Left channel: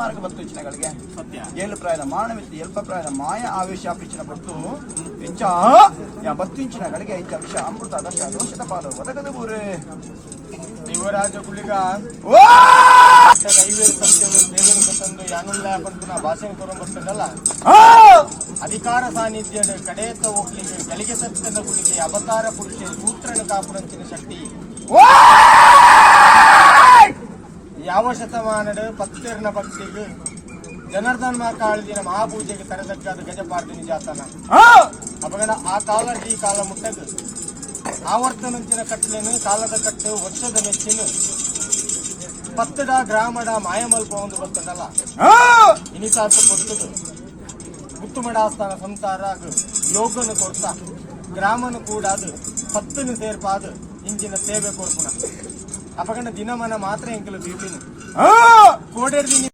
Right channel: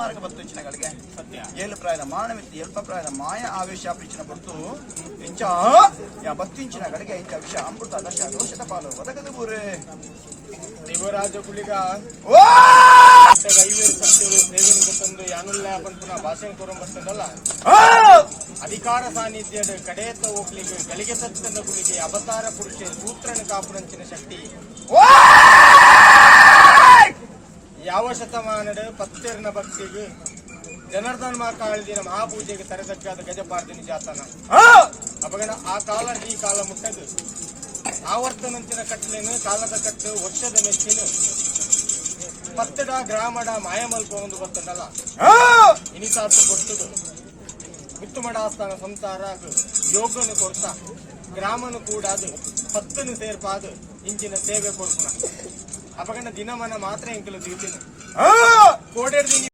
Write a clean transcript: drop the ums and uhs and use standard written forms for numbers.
ಮಾರ್ಗ ಬತ್ತು ಇಚ್ಚಿನಗಳಿಗೆ ಸತ್ಯ ಏಳು ಪ್ರಾಯದ ಮಾನವಿತ್ತು ಎಲ್ಪ ಪ್ರಾಯದ ಮಾಯ ಆವೇಶ ಪ್ರೀಚಿನ ಬತ್ತು ಇಂಚ ಬತ್ತಿಂಚಿನಗಳಿಗೆ ಇಂಚ ವಿಷ ಅಮೃತ ದಶ ದೋಷದ ಪಾಲು ಒದಗದ ಊರೇ ಯುವರಾಜ ಕುಳಿಗ ಐವರು ಸತ್ಯವು ದೇವರಿಗೆ ತಂದು ಯಾನುಲ್ಲ ಬಂತು ಭಾಷಣ ಕೊರ ಬರ್ತದಲ್ಲ ಅಧಿಕಾರ ಸಾನ್ನಿಧ್ಯದ ಕಡೆಯತ್ತ ಹೋಗ್ಲಿಕ್ಕೆ ಗಳಿಗೆ ಸತ್ಯದ ಕುಳಿಕೆ ಅವತಾರ ಪುರುಷ ಸೂತ್ರನ ಕಾಪುರಂಚಿನ ಶಕ್ತಿ ಯಾವ ಶತಮಾನದ ಪತ್ತೆರ್ನ ಭಕ್ತಿಗೆ ಜನಾರ್ದನ್ ಕಾಳದಿನ ಮಹಾಪೂಜೆಗೆ ತರದಕ್ಕಾದ ಗಜಪಾರ್ದಿನಿ ಜಾತನ ಅಪಗಣ ಆ ಕಾಲ ಈ ಕಾಲ ಮುಟ್ಟದು ಆವರ್ತನಂಚಿನ ಕಟ್ಟಲೆನು ಕಾಲದ ಕಟ್ಟು ವರ್ಷದ ಮೆಚ್ಚಿನ ಪತ್ತಡ ಗ್ರಾಮಡ ಮಾಯಮಲ್ಪ ಒಂದು ಬರ್ತದಲ್ಲ ಇನಿಸಾರ್ಥ ಕೊಡ್ತದು ಮುತ್ತುಮಡಾಸ್ಥಾನ ಸಂಸಾರ ಯೋಗನು ಕೊಡ್ತ ಗ್ರಾಮನು ಕೂಡ ಅದು ಪತ್ತನು ಸೇರ್ಪಾದು ಇಂಚಿನ ಸೇವೆ ಕೊಡ್ಪುಣ ಅಪಗಂಡ ದಿನಮನ ಮಾತ್ರ ಎಂಕಲು ಬೀದಿನ ಕೋಡೆರ್ದಿನಿ